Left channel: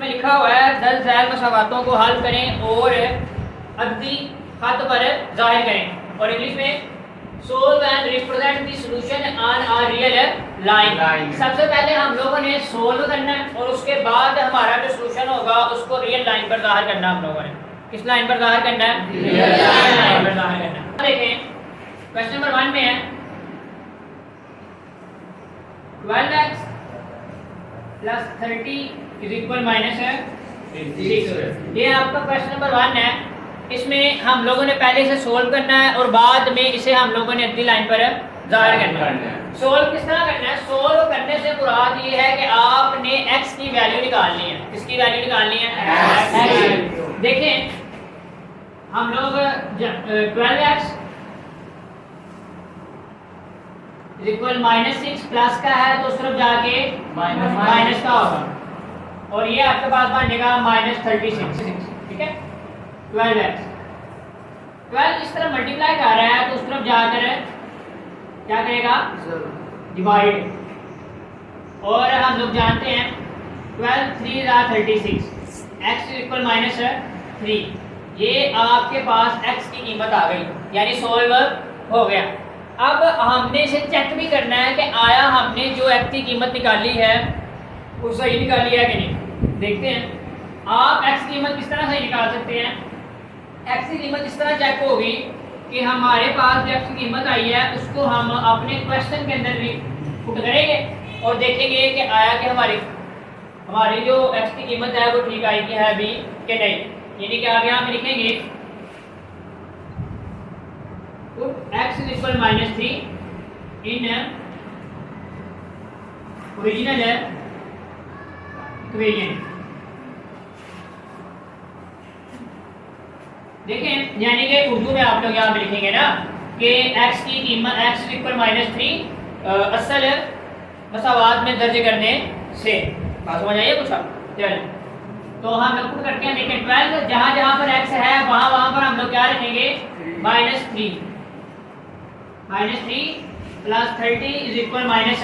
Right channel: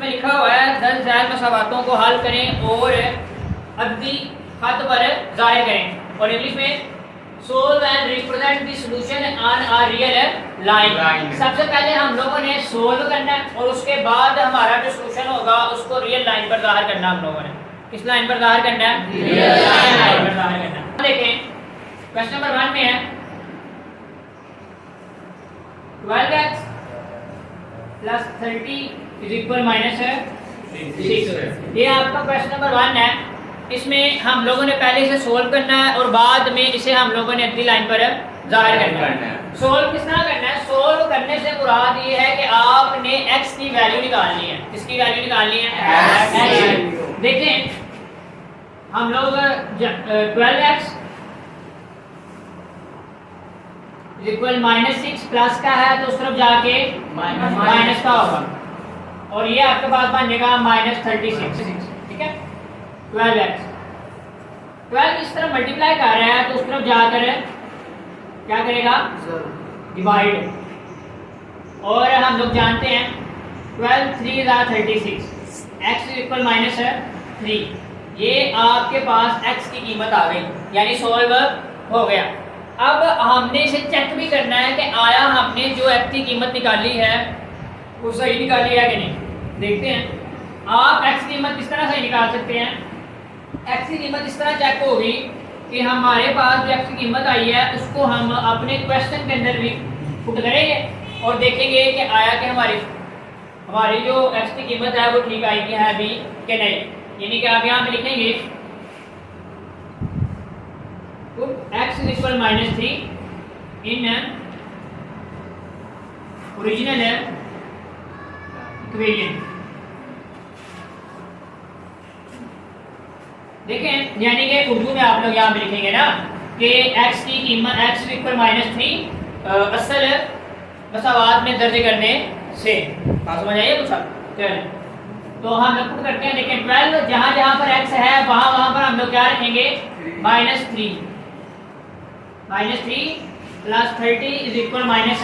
इसमें लिखा हुआ है 10 ज़ैल मसावातों को हल करें और अददी खत पर जाहिर करें, और इंग्लिश में solve and represent the solution on a real line. सबसे पहले हम लोगों ने सोल्व करना है और उसके बाद हमारा जो सॉल्यूशन होगा उसको रियल लाइन पर जाहिर करना है। हम लोगों ने किस लाइन पर जाहिर करना है? रियल लाइन पर जाहिर करना है। देखें क्वेश्चन नंबर 1 में है 12x plus 30 is equal minus है 6। ये आपका क्वेश्चन नंबर 1 है। इसमें हम लोगों ने पहले इसे सोल्व करना है और बाद में इसे हम लोगों ने अगली लाइन पर जाहिर करना है। सोल्व किस तरह करना है? सोल्व करने से मुराद ये है कि आपने x की वैल्यू निकालनी है। किसकी वैल्यू निकालनी है? देखें हम लोग 12x इक्वल माइनस 6 प्लस का है तो उस तरफ जाके माइनस का होगा, और ये आपके पास बनेगा माइनस 36। ठीक है, 12x 12 इस तरह मल्टीप्लाई कर रहा है तो उस तरफ जाकर क्या करेगा? डिवाइड। और हम लोग जानते हैं 12 3 36, x इक्वल माइनस 3। ये आपके पास x की कीमत आ गई, यानी सॉल्व हो गया। अब हमने इसे चेक भी करना है कि आया हमने जो x की कीमत निकाली है वो सही निकाली है कि नहीं। देखते हैं आप x की कीमत किस तरह सही निकाल सकते हैं। x की कीमत इस तरह चेक होगी कि हमारे पास जो x की कीमत आई है उसको हम अपने क्वेश्चन के अंदर पुट करेंगे और देखेंगे कि आया कि हमारी जो x की कीमत है वो ठीक आएगी है भी कि नहीं। यानी कि आप यहाँ पे लिखेंगे x is equal minus 3 in original equation। देखें यानी कि उर्दू में आप लोग यहाँ पे लिखेंगे ना कि x की कीमत x is equal minus 3 असल मसावात में दर्ज करने से। बात समझ आइए कुछ? चलिए तो हम लोग पुट करते हैं। देखें 12 जहाँ जहाँ पर x है वहाँ वहाँ पर हम लोग क्या रखेंगे? -3 प्लस 30 इज इक्वल माइनस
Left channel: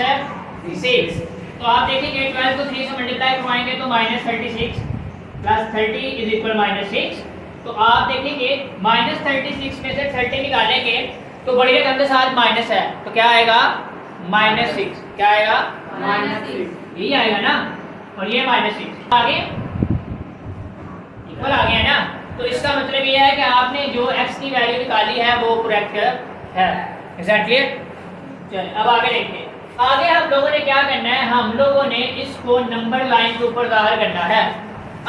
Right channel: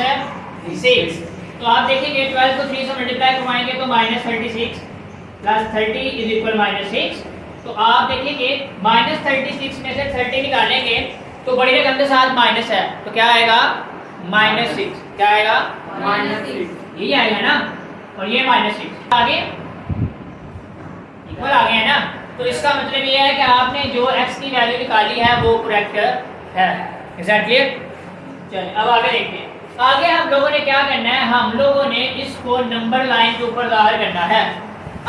6। तो आप देखेंगे 12 को 3 से मल्टीप्लाई करवाएंगे तो -36 प्लस 30 इज इक्वल -6। तो आप देखेंगे -36 में से 30 निकालेंगे तो बड़ी रकम के साथ माइनस है तो क्या आएगा? -6। क्या आएगा? -6 यही आएगा ना, और ये -6 आगे इक्वल आ गया है ना। तो इसका मतलब ये है कि आपने जो x की वैल्यू निकाली है वो करेक्ट है। एग्जैक्टली। चलिए अब आगे देखते हैं। आगे हम लोगों ने क्या करना है? हम लोगों ने इसको नंबर लाइन के ऊपर जाहिर करना है।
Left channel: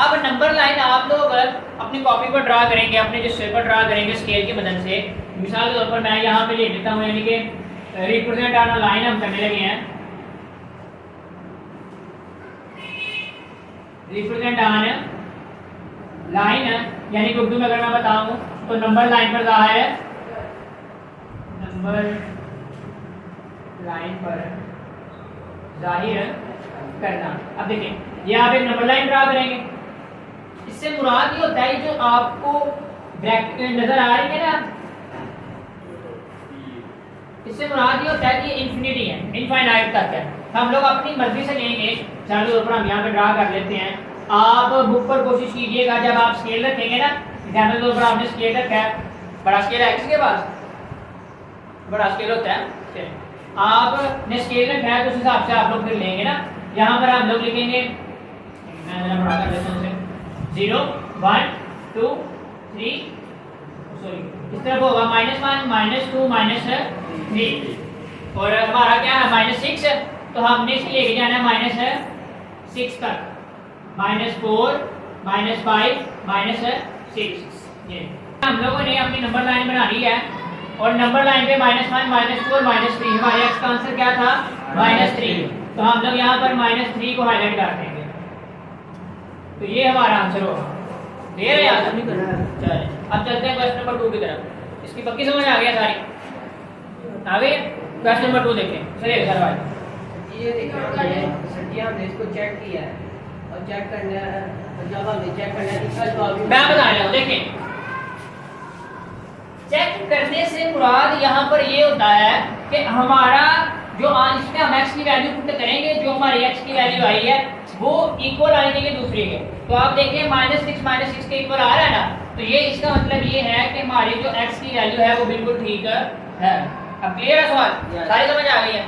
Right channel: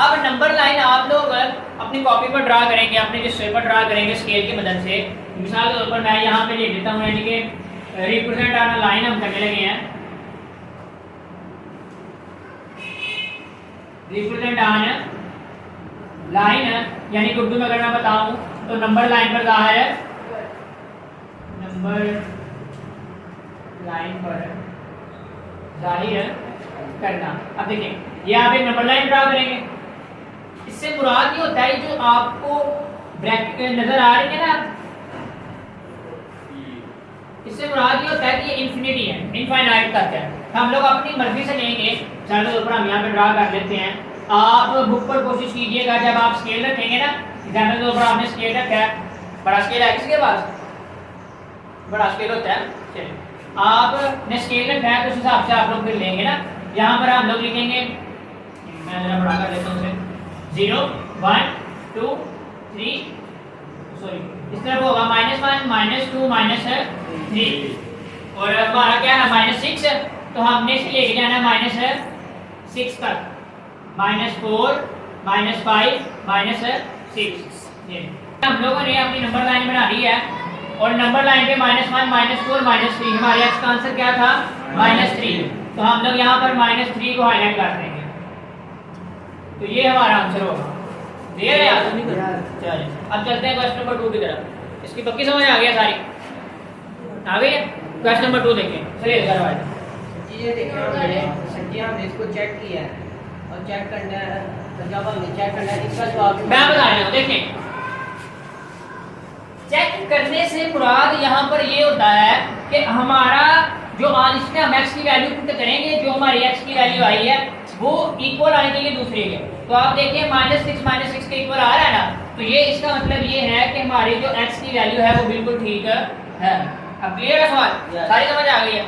अब नंबर लाइन आप लोग अपनी कॉपी पर ड्रा करेंगे, अपने जिस पेपर ड्रा करेंगे स्केल की मदद से। मिसाल के तौर पर मैं यहाँ पे लिख देता हूँ, यानी कि रिप्रेजेंट ऑन लाइन हम करने लगे हैं। रिप्रेजेंट ऑन लाइन यानी कि उर्दू में अगर मैं बताऊँ तो नंबर लाइन पर जाहिर है, नंबर लाइन पर जाहिर करना। अब देखिए यहाँ पे नंबर लाइन ड्रा करेंगे। इससे मुराद ये होता है जो आपको ब्रैकेट नजर आ रही है ना, इससे मुराद ये होता है कि इन्फिनिटी है, इनफाइनाइट तक है। हम लोग अपनी मर्जी से लेंगे। चलो तो ऊपर हम यहाँ पे ड्रा कर लेते हैं। आप बुक पर कोशिश कीजिएगा, जब आप स्केल रखेंगे ना, एग्जाम्पल के ऊपर आपने स्केल रखा है, बड़ा स्केल है किसी के पास? बड़ा स्केल होता है। आपने स्केल रखा है तो उस हिसाब से आप लोग फिर लेंगे ना। यहाँ पर हम लोग लिखेंगे, मैं जरा बड़ा कर देता हूँ उसे, 0 1 2 3 सॉरी इस तरफ होगा -1 -2 -3, और हमारा क्या है -6 है तो हमने इसे लेके जाना है -6 तक, -4 -5 -6। ये हम लोगों ने अपनी नंबर लाइन बना ली है, और नंबर लाइन पे -1 -4 -3 हमारे x का आंसर क्या था? -3। तो हम लोग यहाँ पर -3 को हाईलाइट कर देंगे तो ये हमारा आंसर होगा। ये चलिए अब चलते हैं क्वेश्चन नंबर 2 की तरफ। इसकी पक्की समझ आ गई सारी? आ गई है? क्वेश्चन नंबर 2 देखते हैं। चलिए सर भाई ये देखिए हमने इसको चेक किया है और चेक करना है, जब हमने चेक करना है इसका जवाब मैं बता रहा हूँ। देखें चेक करने से मुराद यहाँ पर ये होता है कि हमारा जो आज इसमें हम x की वैल्यू पुट करेंगे, जो हमारी x की वैल्यू आई है वो इक्वल आनी चाहिए दूसरे के। तो आप देखिए -6 के इक्वल आ रहा है ना, तो ये इसका मतलब ये है कि हमारी जो x की वैल्यू है वो बिल्कुल ठीक है। अब क्लियर है सवाल, सारी समझ आ गई है।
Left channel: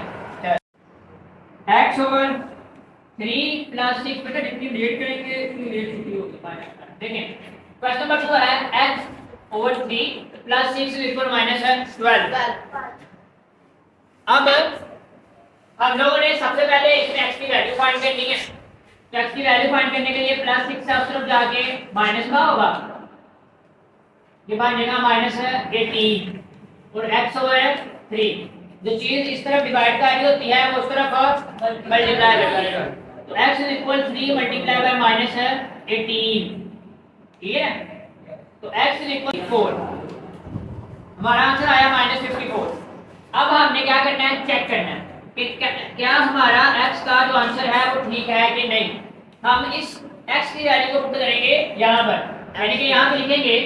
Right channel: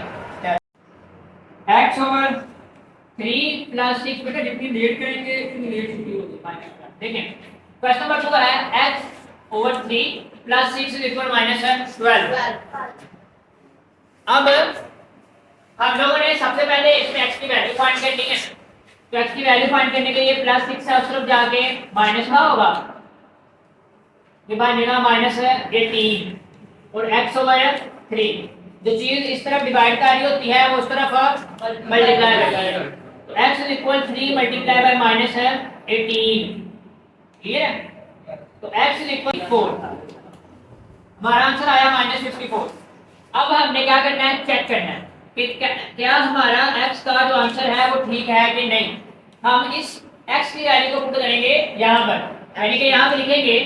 x ओवर 3 प्लस 6, बेटा जितनी लेट करेंगे उतनी लेट छुट्टी होगी। देखिए क्वेश्चन नंबर 2 है x over 3 plus 6 is equal -12। अब हम लोगों ने सबसे पहले इसमें x की वैल्यू फाइंड करनी है। तो x की वैल्यू फाइंड करने के लिए +6 से उस तरफ जाके माइनस का होगा, ये बन जाएगा -18 और x ओवर 3। जो चीज इस तरफ डिवाइड कर रही होती है वो उस तरफ मल्टीप्लाई करता है। तो x is equal 3 multiply by -18। Clear है? तो x इज इक्वल 4, हमारा आंसर आया -54। अब हमने क्या करना है, चेक करना है कि क्या हमारा x का जो आंसर है वो ठीक है कि नहीं। हम इस x की वैल्यू को पुट करेंगे यहाँ पर, यानी कि यहाँ पे लिखेंगे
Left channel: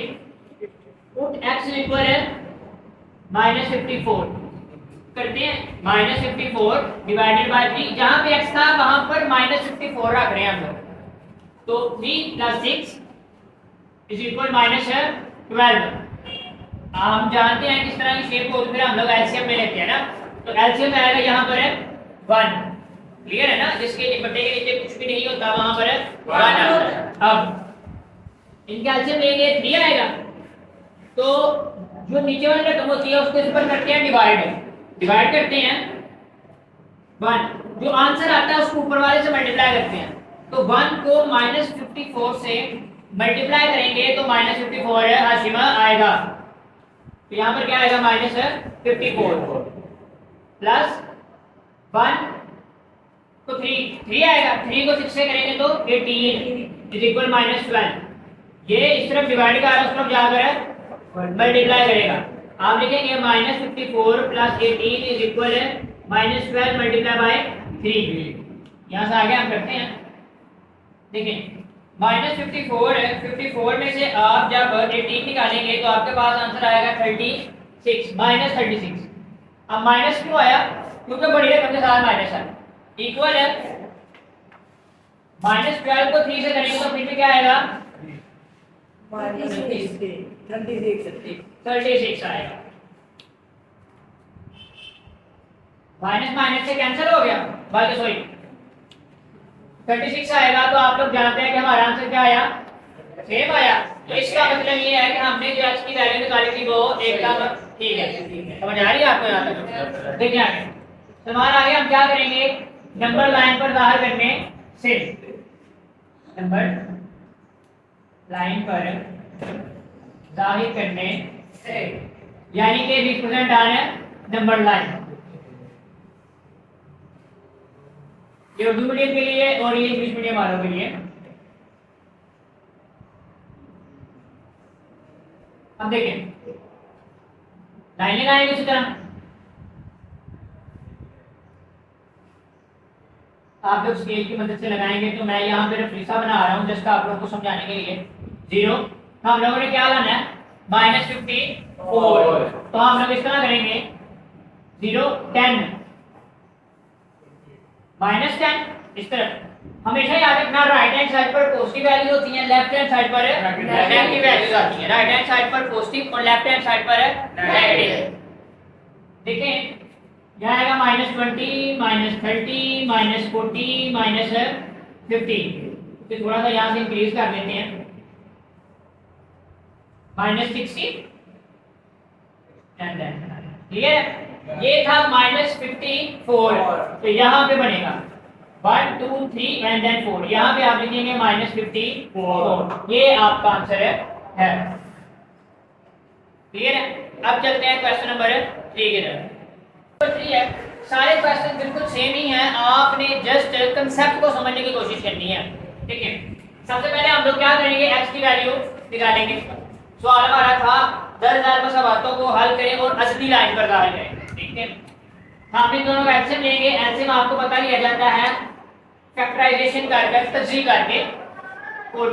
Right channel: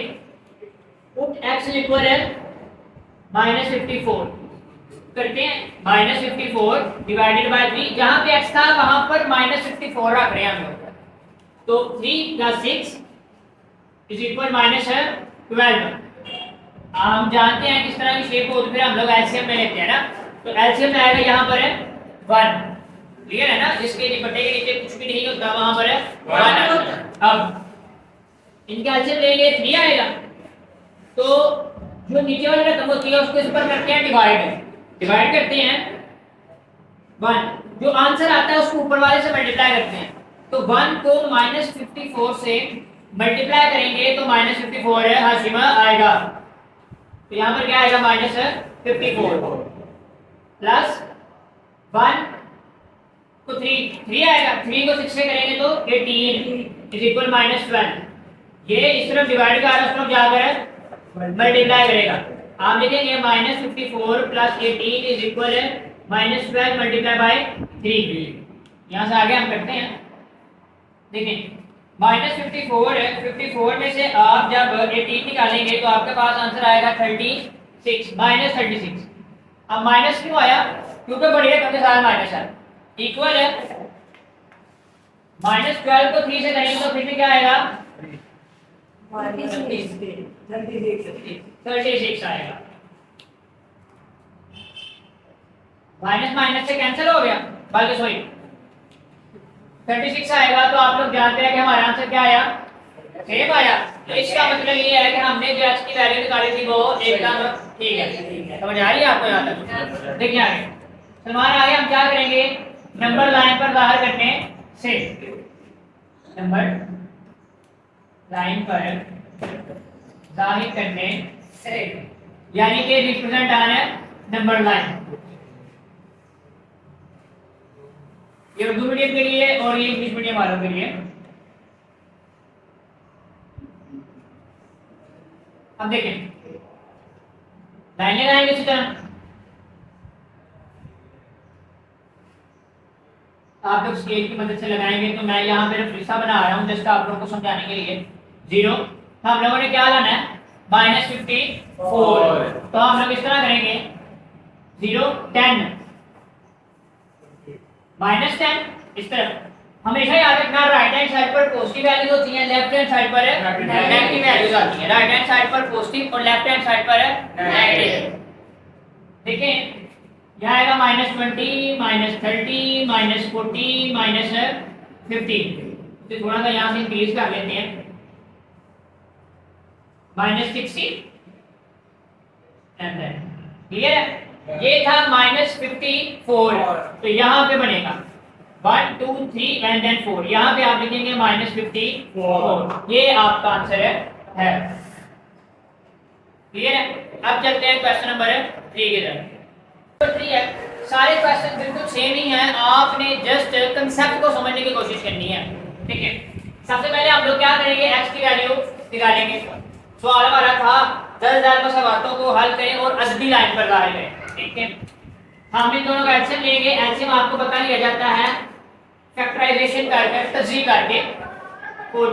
पुट x इक्वल है -54 करते हैं। -54 डिवाइडेड बाय 3, जहाँ पे x था वहाँ पर -54 रख रहे हैं हम लोग। तो 3 + 6 इज इक्वल -12। हम जानते हैं किस तरह की शेप होती है, फिर हम लोग एलसीएम में लेते हैं ना। तो एलसीएम में आएगा यहाँ पर है 1। क्लियर है ना, जिसके बट्टे के नीचे कुछ भी नहीं होता वहां पर है 1। अब इनका एलसीएम लेंगे 3 आएगा। तो जो नीचे वाली रकम होती है उसको इस पर करते हैं डिवाइड करते हैं 1। जो आंसर आता है उसको ऊपर वाले से मल्टीप्लाई करते हैं। तो 1 को -54 से मल्टीप्लाई करेंगे तो -54 है हाशिमा आएगा। तो यहाँ पर क्या आएगा -54 प्लस 1 तो 3 आएगा। 3 को 6 से करेंगे तो 18 इज इक्वल -12। ये इस तरफ डिवाइड कर रहा है, उस तरफ जाकर मल्टीप्लाई करेगा। आप देखेंगे -54 plus 18 is equal -12 multiply by 3। यहाँ से आगे हम करते हैं। देखिए -54 है, 54 में से आप जब 18 निकालेंगे तो आपके पास आंसर आएगा 36 -36। अब माइनस क्यों आया, क्योंकि बड़ी रकम के साथ माइनस है। इक्वल है -12 को 3 से करेंगे तो फिर भी क्या आएगा 36 आएगा। माइनस माइनस से कैंसिल हो गया, बल्कि सॉरी 36 आएगा। तो आप लोग जानते हैं कि हमारा आंसर क्या आया, सेम आया। तो इसका मतलब ये है कि हमने जो x की वैल्यू निकाली थी वो एकदम ठीक है। समझ आ रही है आपको यहाँ तक? देखिए आगे हमारा आगे हम क्या करेंगे, नंबर लाइन पर जाहिर करने से, नंबर लाइन पर जाहिर करने से, यानी कि रिप्रेजेंट आना है नंबर लाइन। ये उर्दू मीडियम के लिए और ये इंग्लिश मीडियम वालों के लिए। अब देखें लाइन लगाएंगे इसी तरह। आप जब स्केल की मदद से लगाएंगे तो मैं यहाँ पे रेफरेंसा बना रहा हूँ जस्ट आप लोगों को समझाने के लिए। 0 हम लोगों ने क्या लाना है -54। तो हम लोग इस तरह करेंगे 0 10 -10 इस तरफ। हमेशा याद रखना राइट हैंड साइड पर पॉजिटिव वैल्यूज होती हैं, लेफ्ट हैंड साइड पर नेगेटिव वैल्यूज आती हैं। राइट हैंड साइड पर पॉजिटिव और लेफ्ट हैंड साइड पर नेगेटिव। देखें यहाँ आएगा -20 -30 -40 -50। तो थोड़ा सा यहाँ से इंक्रीज कर लेते हैं -60 एंड देन क्लियर है। ये था -54। तो यहाँ पे बनेगा 1 2 3 एंड देन 4। यहाँ पे आप लिखेंगे -54। ये आपका आंसर है। क्लियर है। अब चलते हैं क्वेश्चन नंबर 3 की तरफ। 3 है, सारे क्वेश्चन बिल्कुल सेम ही हैं, आपने जस्ट कंसेप्ट को समझने की कोशिश करनी है। ठीक है, सबसे पहले हम लोग क्या करेंगे, x की वैल्यू निकालेंगे। सवाल हमारा था 10,000 सवालों को हल करें और अददी लाइन पर डाल करें। ठीक है, हम इन दोनों का एलसीएम लेंगे। एलसीएम आपको पता लिया जाता है फैक्टराइजेशन करके, तज्जीह करके 4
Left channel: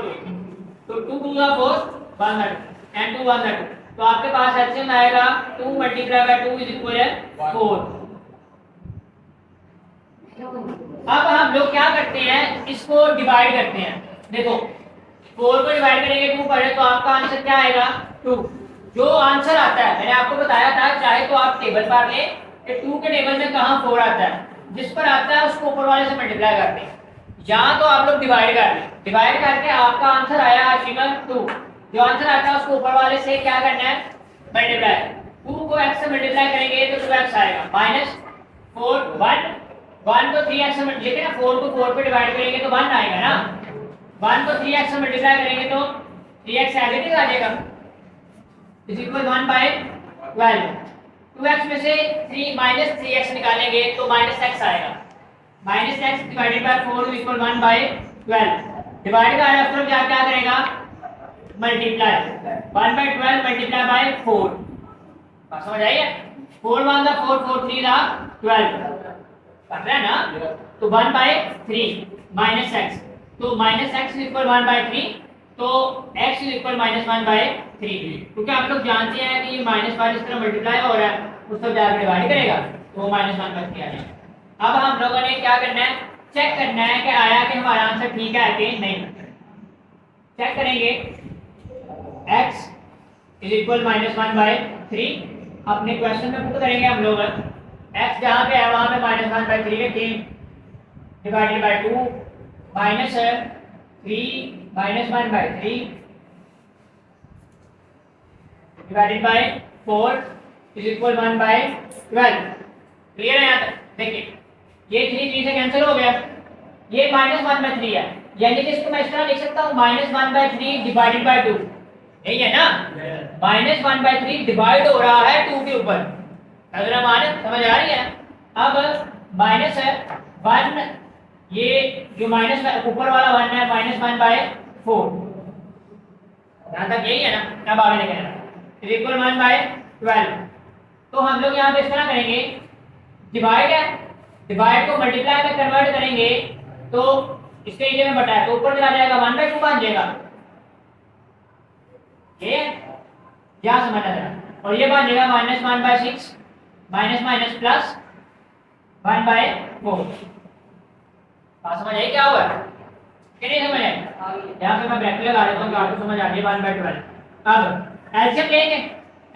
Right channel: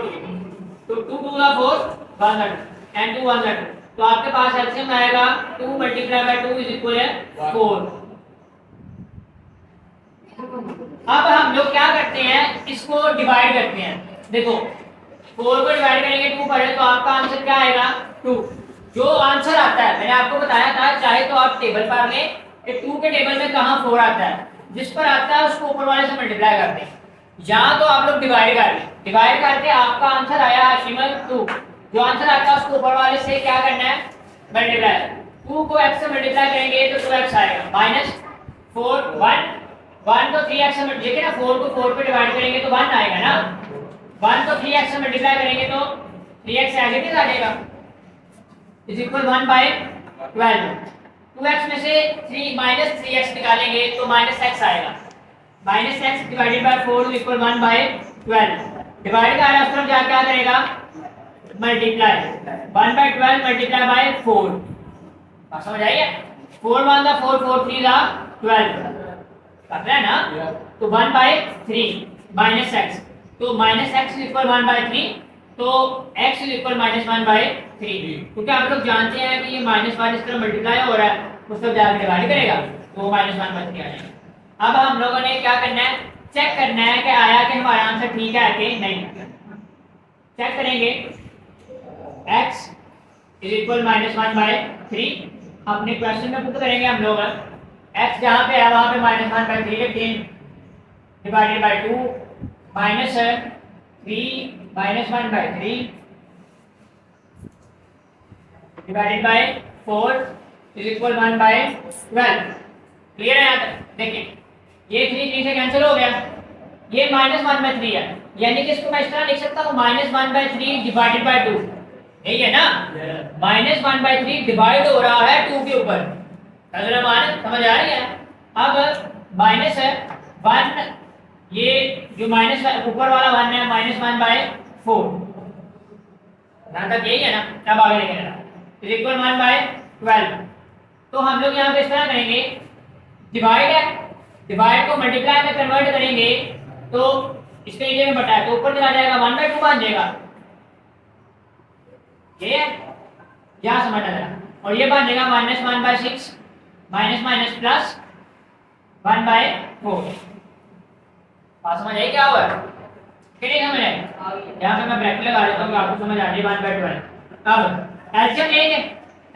तो 2 2 4 100 एंड 2 100। तो आपके पास एलसीएम आएगा 2 × 2 = 4। अब हम लोग क्या करते हैं, इसको डिवाइड करते हैं। देखो 4 को डिवाइड करेंगे 2 पर तो आपका आंसर क्या आएगा 2। जो आंसर आता है मैंने आपको बताया था, चाहे तो आप टेबल पढ़ लें कि 2 के टेबल में कहाँ 4 आता है, जिस पर आता है उसको ऊपर वाले से मल्टीप्लाई कर दें। यहाँ तो आप लोग डिवाइड कर लें, डिवाइड करके आपका आंसर आया शिमल 2। जो आंसर आता है उसको ऊपर वाले से क्या करना है मल्टीप्लाई। 2 को x से मल्टीप्लाई करेंगे तो 2x आएगा माइनस 4 1 तो 3x से मल्टीप्लाई ना 4 को 4 पे डिवाइड करेंगे तो 1 आएगा ना। 1 तो 3x से मल्टीप्लाई करेंगे तो 3x एज इट इज आ जाएगा इज इक्वल 1 बाय 12। 2x में से 3 माइनस 3x निकालेंगे तो माइनस x आएगा। Minus x divided by 4 equal 1 by 12। Divide का है उस तरफ क्या क्या करेगा मल्टीप्लाई 1 बाय 12 मल्टीप्लाई बाय 4। बात समझ आई है? 4 1 दा 4 4 3 दा 12 कर रहा है ना। तो 1 बाय 3 माइनस एक्स, तो माइनस एक्स इक्वल 1 बाय 3, तो x इक्वल माइनस 1 बाय 3। क्योंकि आप लोग जानते हैं कि ये माइनस 1 इस तरह मल्टीप्लाई हो रहा है, उस पर जाकर डिवाइड करेगा तो माइनस 1 बच के आ जाएगा। अब हम लोगों ने क्या करना है, चेक करना है कि आया कि हमारा आंसर ठीक है कि नहीं। चेक करेंगे x is equal minus 1 by 3, अपने क्वेश्चन में पुट करेंगे हम लोग। x जहाँ पे है वहाँ पे माइनस 1 बाय 3 लिखते हैं, divided by 2 minus 3 minus 1 by 3 divided by 4 is equal 1 by 12। Clear है यहाँ तक? देखिए ये 3 3 से कैंसिल हो गया, ये माइनस 1 बाय 3 है, यानी कि इसको मैं इस तरह लिख सकता हूँ माइनस 1 बाय 3 डिवाइडेड बाय 2। यही है ना, माइनस 1 बाय 3 डिवाइड हो रहा है 2 के ऊपर। अगर मान समझ आ रही है? अब माइनस 1, ये जो माइनस ऊपर वाला 1 है माइनस 1 बाय 4, यहाँ तक यही है ना। अब आगे लिखेंगे इज इक्वल 1 बाय 12। तो हम लोग यहाँ पे इस तरह करेंगे, डिवाइड है, डिवाइड को मल्टीप्लाई में कन्वर्ट करेंगे तो इसके एरिया में बटा है तो ऊपर चला जाएगा 1 बाय 2 बन जाएगा। ये यहाँ समझना जरा, और ये बन जाएगा minus 1 by 6 minus minus plus 1 by 4। बात समझ आई क्या हुआ कि नहीं समझ आई? यहाँ पे मैं ब्रैकेट लगा देता हूँ, आपको समझ आ जाए 1 बाय 12। अब एलसीएम लेंगे,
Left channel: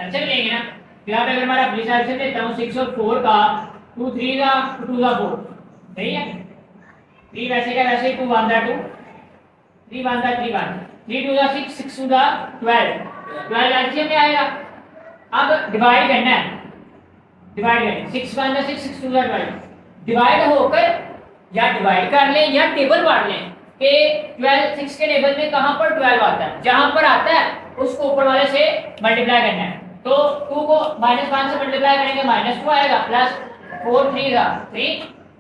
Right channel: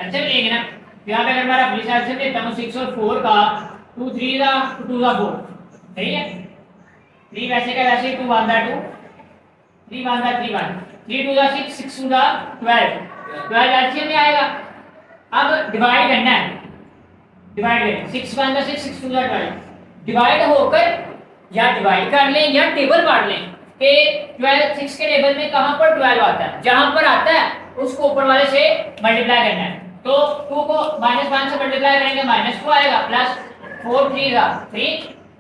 एलसीएम लेंगे ना, तो यहाँ पे अगर मैं अपनी एलसीएम लेता हूँ 6 और 4 का, 2 3 दा 2 दा 4, सही है। 3 वैसे का वैसे ही 2 1 दा 2 3 1 दा 3 1 3 2 दा 6 6 2 दा 12 एलसीएम में आएगा। अब डिवाइड करना है, डिवाइड करें 6 1 दा 6 6 2 दा 12 डिवाइड होकर या डिवाइड कर लें या टेबल पढ़ लें कि 12 6 के टेबल में कहाँ पर 12 आता है, जहाँ पर आता है उसको ऊपर वाले से मल्टीप्लाई करना है। तो 2 को माइनस 1 से मल्टीप्लाई करेंगे माइनस 2 आएगा, प्लस 4 3 दा 3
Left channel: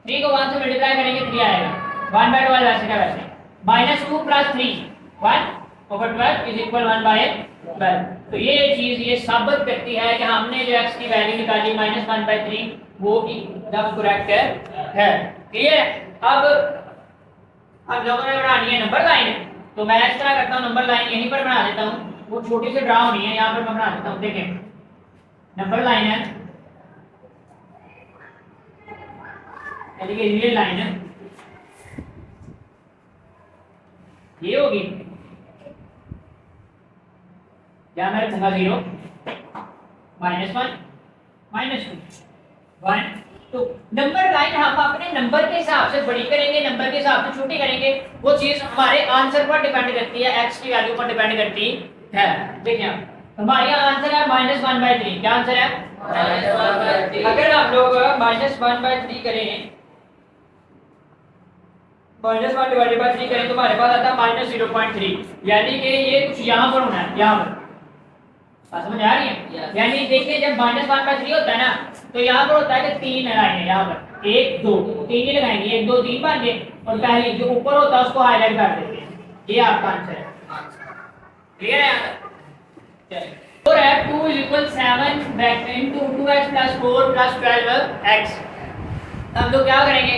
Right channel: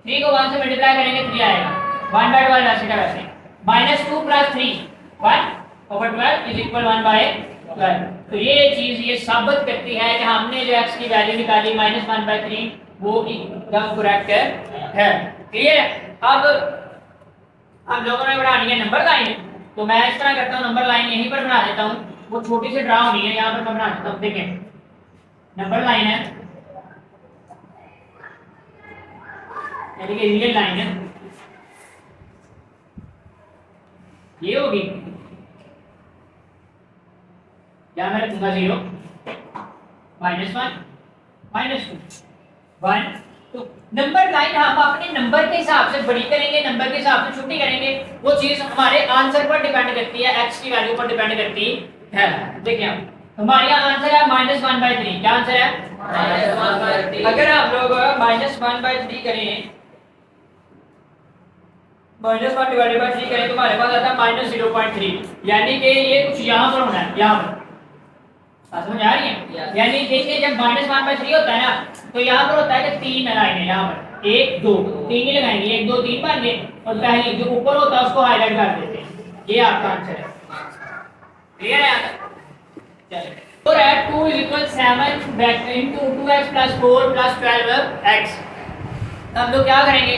3 को 1 से मल्टीप्लाई करेंगे 3 आएगा, 1 बाय 12 वैसे का वैसे, minus 2 plus 3 1 over 12 is equal 1 by 12। तो ये चीज़ ये साबित करती है कि हमने जो x की वैल्यू निकाली माइनस 1 बाय 3 वो एकदम करेक्ट है। क्लियर? अब हम लोगों ने बनानी है नंबर लाइन, तो मैं इस तरह करता हूँ, नंबर लाइन यहीं पर बना देता हूँ, वो छोटी सी ड्रा होनी है, यहाँ पर मैं बना देता हूँ। देखें नंबर लाइन है, यानी कि रियल लाइन है, ये होगी, यहाँ मैं रखूंगा 0 माइनस 1 माइनस 2 1 तो नंबर लाइन हम अपने नंबर के हिसाब से बड़ी करेंगे, नंबर के हिसाब से छोटी करेंगे, वो चीज हमारे आंसर पर डिपेंड करती है, x की वैल्यू पर डिपेंड करती है। देखिए हमारे यहाँ आंसर है माइनस 1 बाय 3। क्या आंसर है? Minus 1 by 3। अगर आप लोग माइनस 1 बाय 3 करें, माइनस 1 डिवाइडेड बाय 3 करें तो हमारे पास आता है माइनस 0.3, यानी कि ये कुछ यहाँ पर होना है, यहाँ पर। समझ आ रही है? यानी देखिए जब माइनस 1 बाय 3 होता है ना, तो यहाँ पर होता है कि 3 लाइन है, यहाँ पर 1 2 3 ही लगाएंगे, 1 2 3 बन गए, और पहले जो ऊपर होता है उसको हाईलाइट कर देते हैं। ये आपका आंसर है। क्लियर है? चलिए और है 2 is equal 7 into 2x plus 4 plus 12x। हम लोग क्या करेंगे,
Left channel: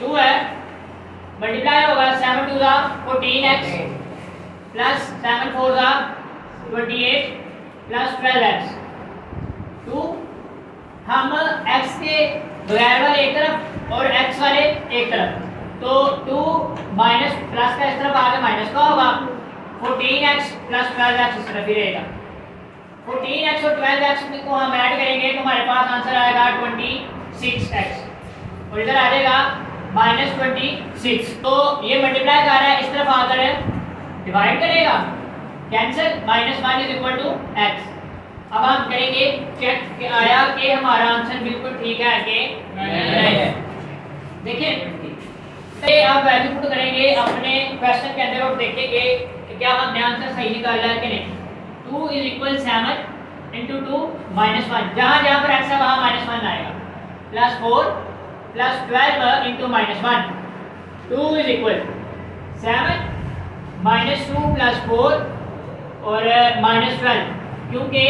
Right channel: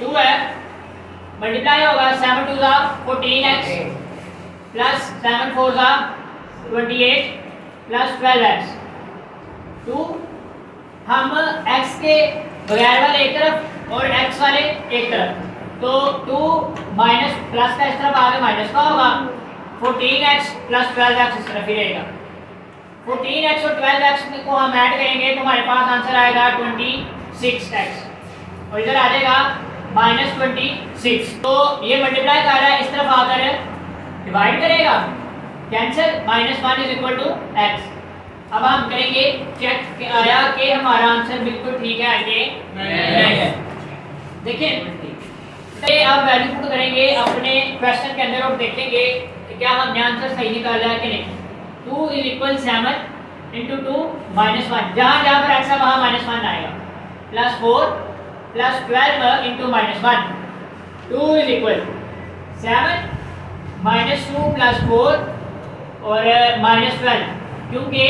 2 है मल्टीप्लाई होगा 7 2 दा 14x प्लस 7 4 दा 28 प्लस 12x। 2 हम x के बगैर वाले एक तरफ और x वाले एक तरफ, तो 2 माइनस प्लस का इस तरफ आगे माइनस का होगा, 14x प्लस 12x इस तरफ ही रहेगा। 14x और 12x को हम ऐड करेंगे तो हमारे पास आंसर आएगा 26x, और इधर आ जाएगा -26। तो ये मल्टीप्लाई कर रहा है, इस तरफ आकर डिवाइड करेगा, cancel, -1 is equal to x। अब हम करेंगे चेक कि आया कि हमारा आंसर बिल्कुल ठीक है कि नहीं है। देखिए ये अब वैल्यू पुट करेंगे अपने क्वेश्चन के अंदर और देखेंगे कि क्या हमने आंसर सही निकाला है कि नहीं। 2 इज इक्वल 7 इंटू 2 -1, जहाँ जहाँ पर ऐसा वहाँ -1 आएगा, plus 4 plus 12 into -1, 2 is equal 7 -2 plus 4 और -12, क्योंकि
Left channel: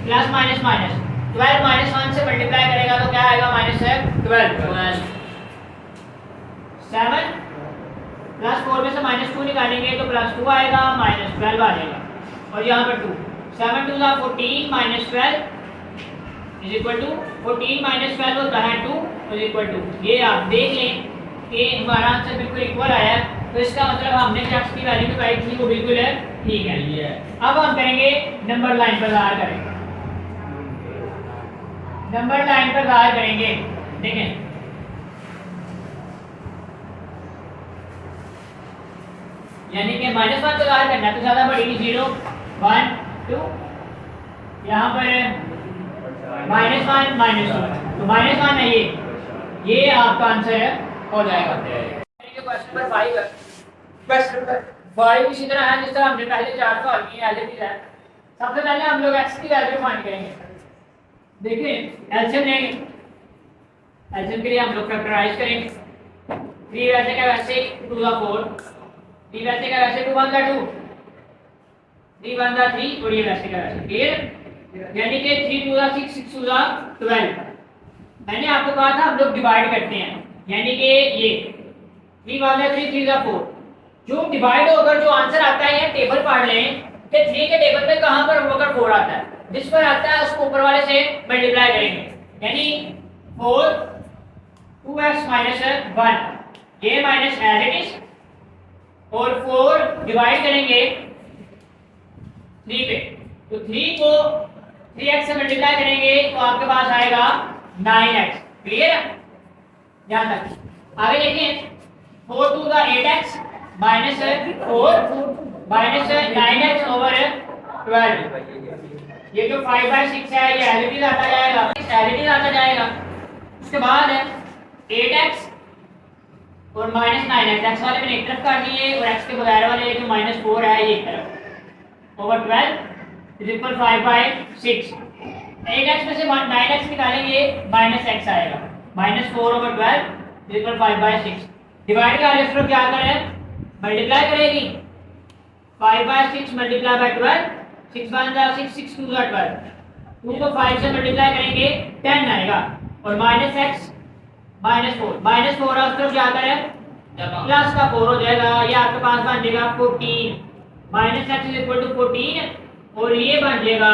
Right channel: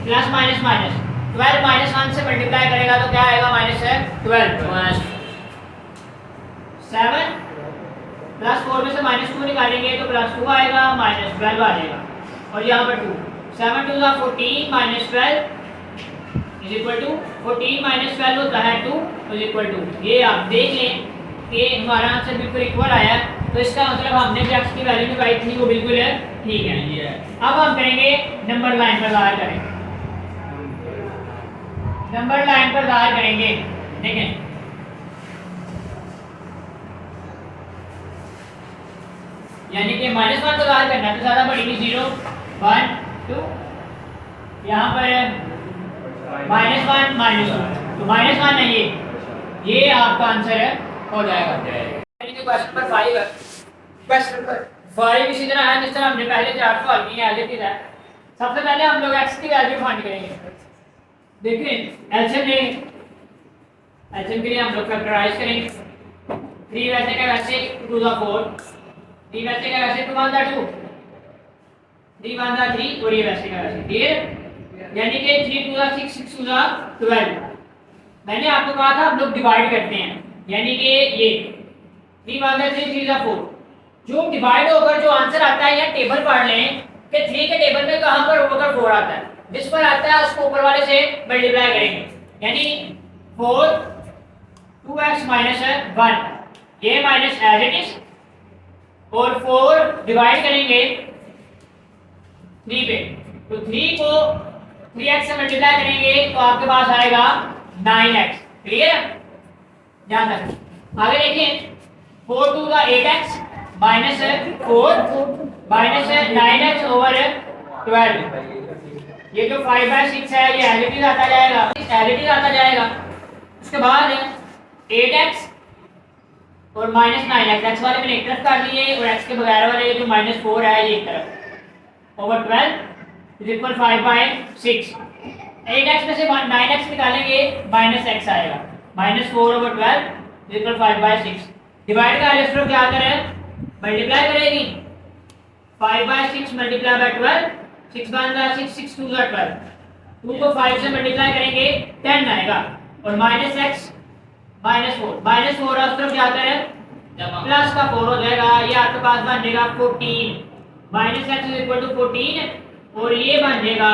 प्लस माइनस माइनस 12 -1 से मल्टीप्लाई करेगा तो क्या आएगा, -12। 7 प्लस 4 में से -2 निकालेंगे तो +2 आएगा, -12 आ जाएगा, और यहाँ पर 2, 7 2 14 -12 इज इक्वल टू 14 -12 होता है 2 इज इक्वल टू। ये आप देख लें कि हमारा आंसर बिल्कुल इक्वल आया, तो इसका मतलब हमने जो x की वैल्यू निकाली थी वो बिल्कुल ठीक है। अब हम करेंगे नंबर लाइन पर ज़ाहिर करेंगे, नंबर लाइन पर ज़ाहिर करेंगे। देखें यानी कि -1 को ज़ाहिर करना तो ज़्यादा बड़ी 0 1 2, यहाँ पर -1 -2, तो -1 है ये आपका आंसर हो जाएगा। क्वेश्चन नंबर 5 है, क्वेश्चन नंबर 5 इसी तरह है जिस तरह हमने पहले 4 सवाल किए हैं, एज इट इज है। सबसे पहले हम लोग x की वैल्यू फाइंड करेंगे। देखिए एलसीएम लेंगे, एलसीएम के लिए हम लोग फैक्टराइज करेंगे। 3 वैसे का वैसे 2 दा 4, 3 वैसे का वैसे 2 1 दा 2, 3 1 दा 3, और ये वैसे का वैसे, क्लियर। यानी कि 3 2 दा 6 6 2 दा 12। मैंने आपको कहा था हम लोग डिवाइड करते हैं, यानी कि ये 3 1 दा 3 3 दा 4, जो डिवाइड होकर जो आंसर आता है, या टेबल पढ़ लें कि 3 के टेबल में कहां पर होकर 4 आता है, जिस पर आता है उसको ऊपर वाले से मल्टीप्लाई करेंगे, यानी 4 2x माइनस 1, ये माइनस एज इट इज, और 4 डिवाइड करेंगे 3 पे, तो 3 को 3x से मल्टीप्लाई करेंगे तो आपके पास आएगा 9x, क्लियर है। ध्यान रखिए, आगे देखिए 4 2 दा 8x minus 4 minus 9x over 12, ये जो 5/6 है ये एज इट इज आता जाएगा, एज इट इज आता जाएगा। उसके बाद 8x और -9x, x वाले मैंने एक तरफ कर लिए और x के बगैर वाले जो -4 है ये एक तरफ, ओवर 12 इज इक्वल 5/6। 8x में से 9x निकालेंगे -x आएगा, -4 ओवर 12 इज इक्वल 5/6। डिवाइड का आलेख क्या करें, मल्टीप्लाई करेगी, 5/6 मल्टीप्लाई बाय 12, 6 1 दा 6 6 2 दा 12, 2 को 5 से मल्टीप्लाई करेंगे 10 आएगा, और -x -4 उस तरफ क्या करें, प्लस का 4 हो जाएगा, ये आपके पास बन जाएगा 14, -x इज इक्वल टू 14, और ये बन जाएगा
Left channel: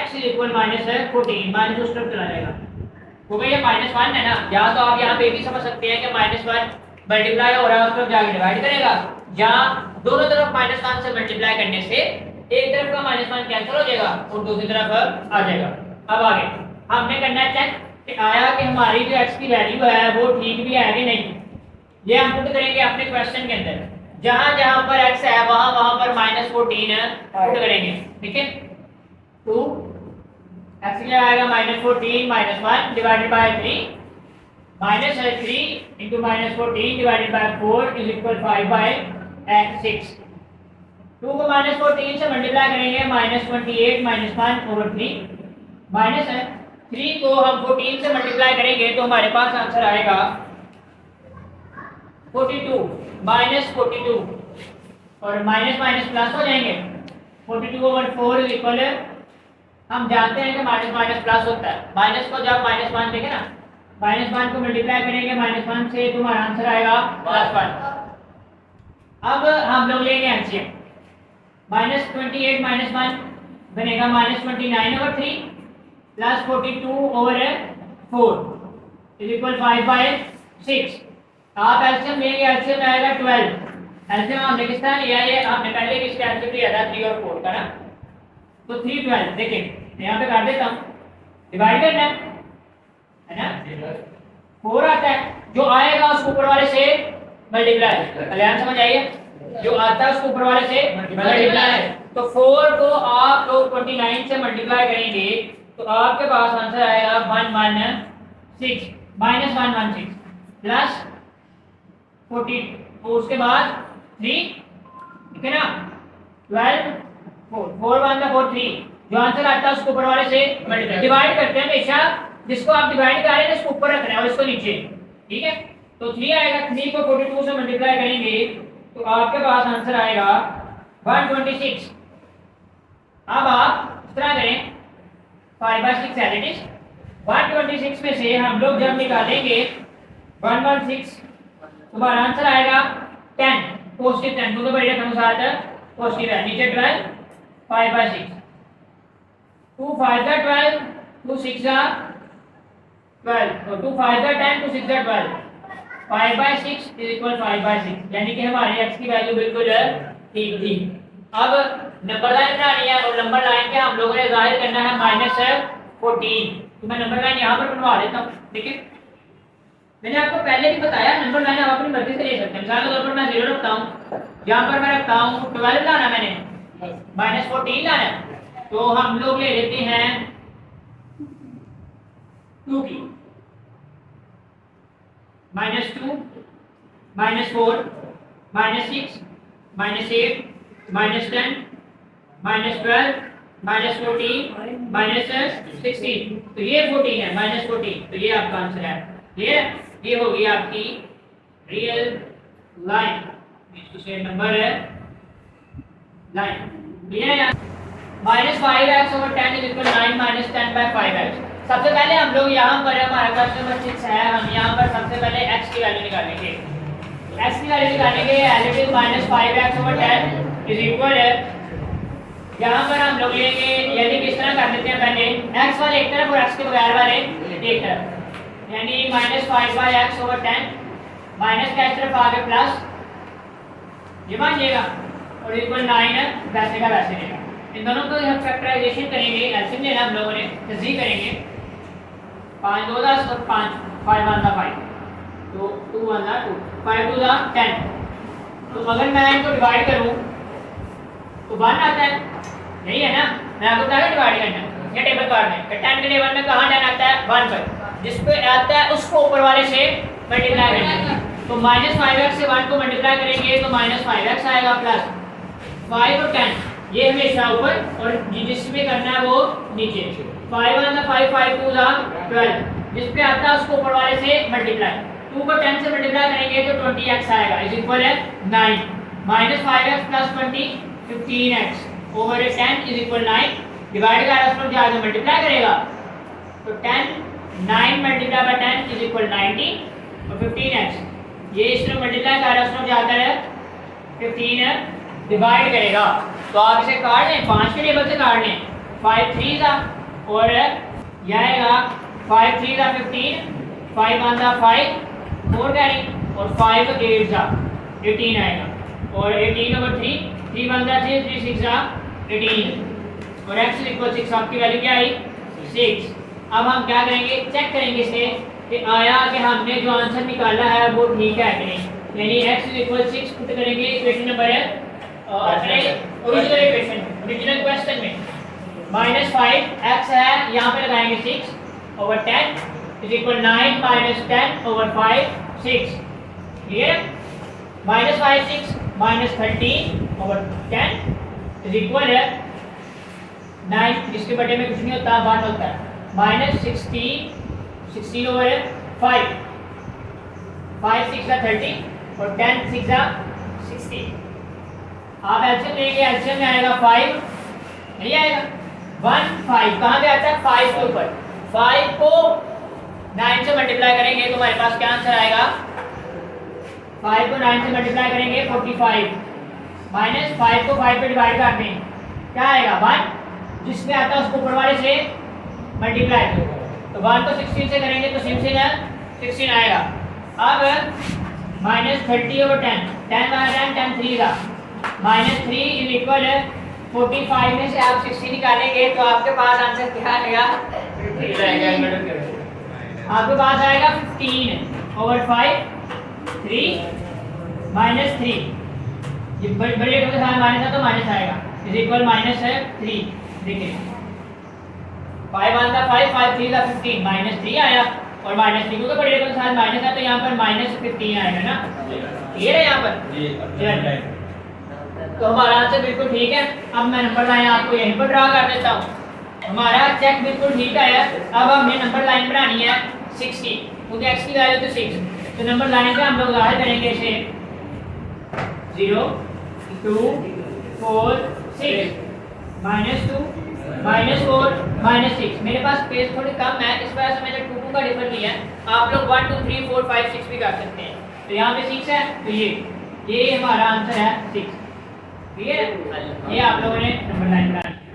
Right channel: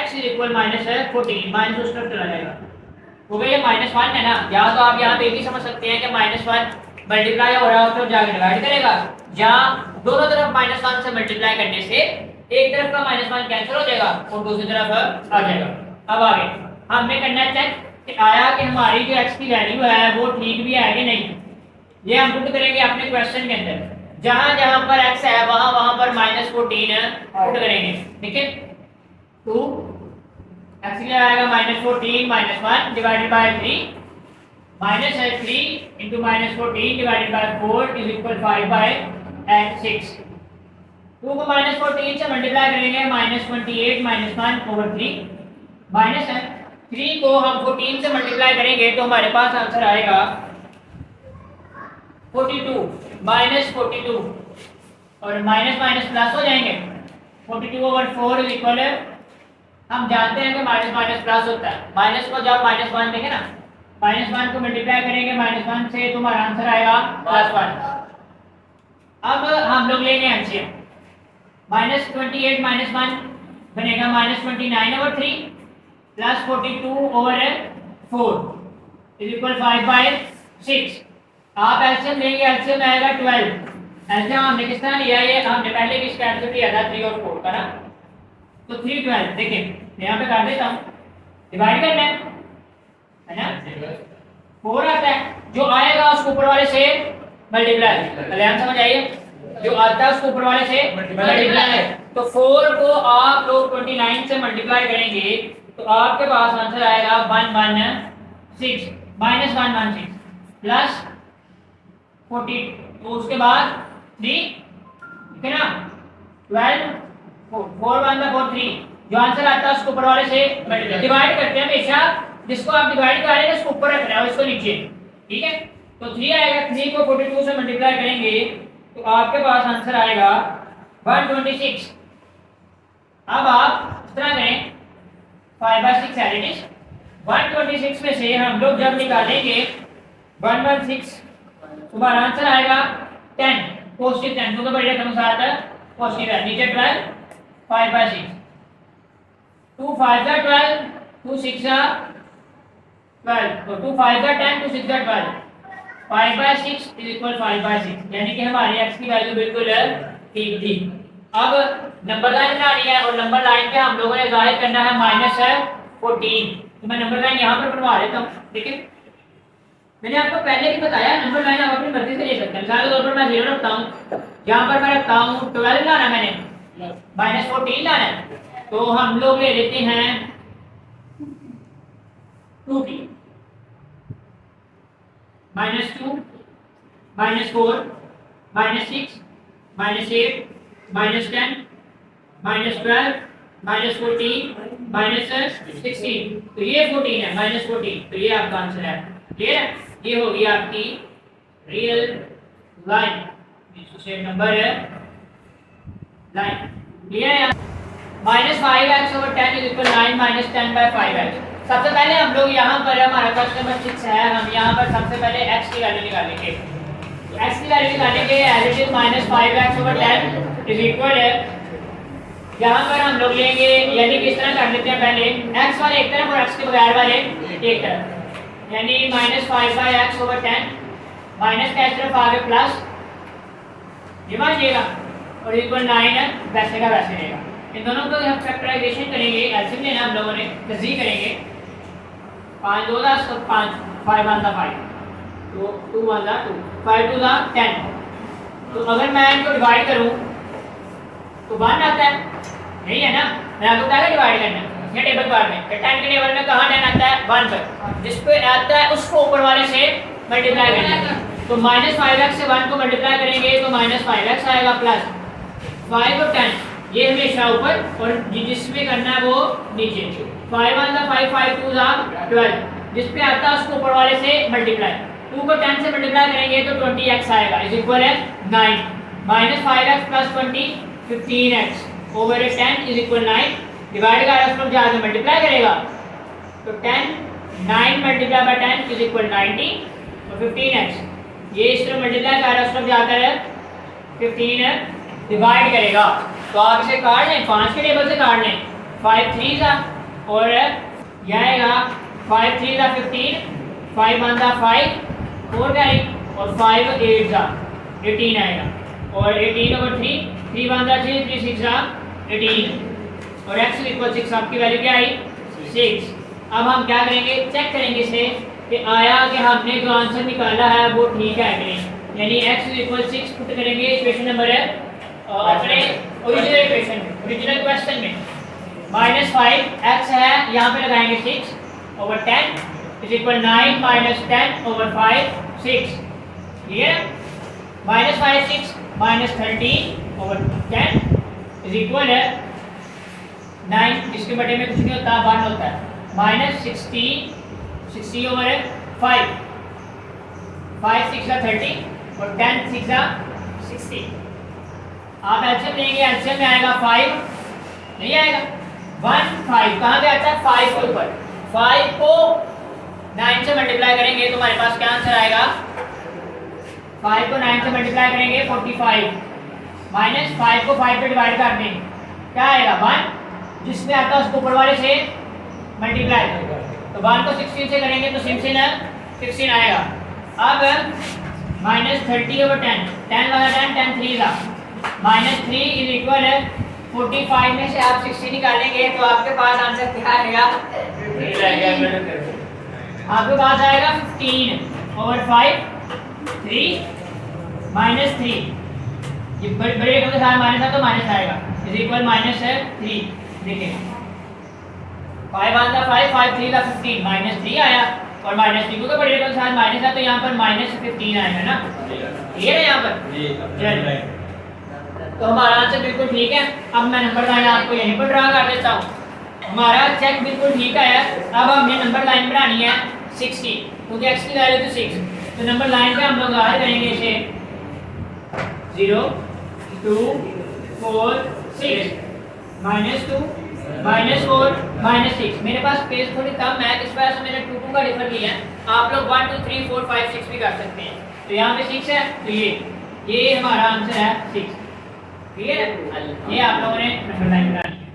x इज इक्वल -14, माइनस उस तरफ चला जाएगा, हो गया ये -1 है ना। या तो आप यहाँ पे ये भी समझ सकते हैं कि -1 मल्टीप्लाई हो रहा है उस तरफ जाके डिवाइड करेगा, जहाँ दोनों तरफ -1 से मल्टीप्लाई करने से एक तरफ का -1 कैंसिल हो जाएगा और दूसरी तरफ आ जाएगा। अब आगे हमने करना है चेक कि आया कि हमारी जो x की वैल्यू है वो ठीक भी है कि नहीं। ये हम पुट करेंगे अपने क्वेश्चन के अंदर, जहाँ जहाँ पर x है वहाँ वहाँ पर -14 पुट करेंगे, ठीक है। 2 x क्या आएगा, -14 -1 divided by 3, -3 into -14 divided by 4 is equal 5/6। 2 को -14 से मल्टीप्लाई करेंगे, -28 -1 ओवर 3, -3 को हम 14 से मल्टीप्लाई करेंगे तो हमारे पास आंसर आएगा 42, -42, और माइनस माइनस प्लस हो जाएंगे, 42 ओवर 4 इज इक्वल, हम जानते हैं कि माइनस माइनस प्लस होता है, माइनस को जब -1 देखें ना, -1 को मल्टीप्लाई करेंगे -1 से तो हमारा आंसर आएगा +1। अब हम लोग लेंगे एलसीएम, -28 -1 बनेगा -29 over 3 plus 42 over 4 is equal 5/6। 6। आप एलसीएम लेंगे, एलसीएम में आएगा 12। एलसीएम हमने किस तरह लिया है, हमने पहले भी इसका एलसीएम लिया था 3 और 4 का ना। तो 3 12 देखिए यहाँ पे कर देता हूँ, डिवाइड करना है ना। 4 आता है, जो आएगा उसको ऊपर वाले से मल्टीप्लाई, कल्याण समझ आइए, जो आता है उसको ऊपर वाले से मल्टीप्लाई। तो 4 को आप लोग 29 से मल्टीप्लाई करेंगे तो आपके पास आंसर आएगा 116 माइनस 116 प्लस 40, तो उसके बाद 3, ठीक है ना, 12 4 1 4 3, जो आंसर आता है उसको ऊपर वाले से मल्टीप्लाई। डिवाइड करते हैं हमेशा, जिसको आप डिवाइड कर रहे हैं उसको ऊपर रखना है और इसको नीचे, ठीक है। तो 3 आएगा, 3 को 42 से मल्टीप्लाई करेंगे तो आपके पास आंसर आएगा 126। अब आप इस तरह करें 5/6 एज इट इज। 126 में से हम लोग जब निकालेंगे 116 तो हमारा आंसर आएगा 10, पॉजिटिव 10, क्योंकि बड़ी रकम के साथ पॉजिटिव है। नीचे 12, 5/6, 2 5 12, 2 6 12, तो 2 5 10, 2 6 12, 5/6 इज इक्वल 5/6, यानी कि हमारी x की वैल्यू बिल्कुल ठीक थी। अब नंबर लाइन बनानी है और नंबर लाइन पे हम लोगों ने जाहिर करना है -14, तो मैं नंबर लाइन यहाँ पर बनवा देता हूँ। देखिए मैंने आपको पहले भी बताया नंबर लाइन आप अपनी मर्जी से ले सकते हैं। मिसाल के तौर पर मैं 0 रखता हूँ, यहाँ पर मैं रखता हूँ 12 लाना, मैंने -14 लाना है, तो हम लोग ले लेते हैं 2 की, -2 -4 -6 -8 -10 -12 -14 -16, तो ये 14 है, -14, तो ये आपका आंसर है। ये होगी आपकी रियल लाइन, इससे नंबर है लाइन, क्लियर है। -5x/10 is equal 9 -10/5x। सबसे पहले हम लोग यहाँ पर हमारा क्वेश्चन नंबर 6 है, हम यहाँ पर सबसे पहले x की वैल्यू निकालेंगे। तो x की वैल्यू निकालेंगे as it is -5x/10 is equal है, यहाँ पर हम लोग लेंगे, यानी कि इस तरह कर देते हैं, पहले x वाले एक तरफ और x के बगैर वाले एक तरफ, यानी -5/x/10 माइनस का इस तरफ आगे प्लस, ये मानिएगा, और इक्वल 9 वैसे का वैसे रहेगा। इन दोनों को हम फैक्टराइजेशन करेंगे, एलसीएम लेना हम लोगों ने, तस्दीक करेंगे, 5 2 10 और 5 5 1 5, तो 2 1 2, 5 2 10। तो अगर मैं इनको डिवाइड करूं तो 1 आता है, नहीं है ना, मैं आपको क्या डिवाइड करना है ये टेबल पर में, 10 के टेबल में कहाँ 10 आता है 1 पर, जिस पे आता है उसको ऊपर वाले से मल्टीप्लाई करना है। तो -5x से 1 को मल्टीप्लाई करेंगे तो -5x आएगा प्लस 5 और 10, ये हमेशा ऊपर और जिसमें करना है वो नीचे। 5 1 5 5 2 12, जिस पे आता है उसको ऊपर वाले से मल्टीप्लाई, 2 को 10 से मल्टीप्लाई करेंगे तो 20x आएगा इज इक्वल है 9, -5x plus 20 15x over 10 is equal 9, divide का उसको जाकर मल्टीप्लाई करेगा तो 10 9 मल्टीप्लाई बाय 10 इज इक्वल 90 और 15x, ये इसमें मल्टीप्लाई कर उसको जाकर 15 डिवाइड करेगा। तो आप इसे काट लें, 5 के टेबल से काट लें, 5 3 था और यह आएगा 5 3 था 15, 5 1 था 5 4 कैरी और 5 8 था 18 आएगा, और 18 ओवर 3 3 1 था 3 3 6 था 18 और x इक्वल 6, आपकी वैल्यू क्या आई 6। अब हम क्या करेंगे, चेक करेंगे इसे कि आया कि हमने जो आंसर निकाला है वो ठीक है कि नहीं, यानी x इक्वल 6 पुट करेंगे इक्वेशन नंबर है अपने ओरिजिनल इक्वेशन में, ओरिजिनल क्वेश्चन में, -5x है, यहाँ पे लगाएंगे 6 over 10 is equal 9 -10 over 5 6, clear. -5 6 -13 over 10 is equal है 9, इसके बटे में कुछ नहीं होता 1 होता है, -60 ओवर 5 5 6 30 और 10 6 60। आप एलसीएम लेंगे, एलसीएम में आएगा 5, नहीं आएगा 1 5, कहाँ पे आता है 5 के ऊपर, 5 को 9 से मल्टीप्लाई करेंगे तो हमारे पास क्या आंसर आएगा, 5 को 9 से मल्टीप्लाई करेंगे 45, माइनस 5 को 5 पे डिवाइड कर दें क्या आएगा 1, जिसमें आता है उसको ऊपर वाले से मल्टीप्लाई, तो 1 को 16 से करेंगे तो 16 आएगा। अब -30/10, 10 वाला 10, 10 3 का -3 इज इक्वल 45 में से आप 60 निकालेंगे तो आपके पास आंसर क्या आएगा? आपके पास आएगा 15/5 3 -3, ये बड़े रकम के साथ माइनस है तो माइनस आएगा, इज इक्वल -3। देखिए 5 1 था 5, 5 3 था 15, -3 आया और -3 क्योंकि बड़े रकम के साथ माइनस है तो यहाँ पर -15 आएगा ना, क्लियर है यहाँ पर? तो हमारा आंसर बिल्कुल ठीक है। अब मैं नंबर लाइन आपको यहीं पर ड्रा कर देता हूँ। हमारा चेक बिल्कुल ठीक है। अब हमें नंबर लाइन बनानी है 60 क्योंकि x की वैल्यू तो 6, तो नंबर लाइन पे हम लोग ज़ाहिर करेंगे इसे 0 2 4 6 -2 -4 -6। मेरे पास स्पेस थोड़ी कम है, इस वजह से मैंने 2 2 का डिफर किया है। आप लोग 1 2 3 4 5 6 भी कर सकते हैं। तो यहाँ पे 6 है तो ये हमारा आंसर है 6। ठीक है, ये आप लोगों ने नंबर लाइन बनानी है।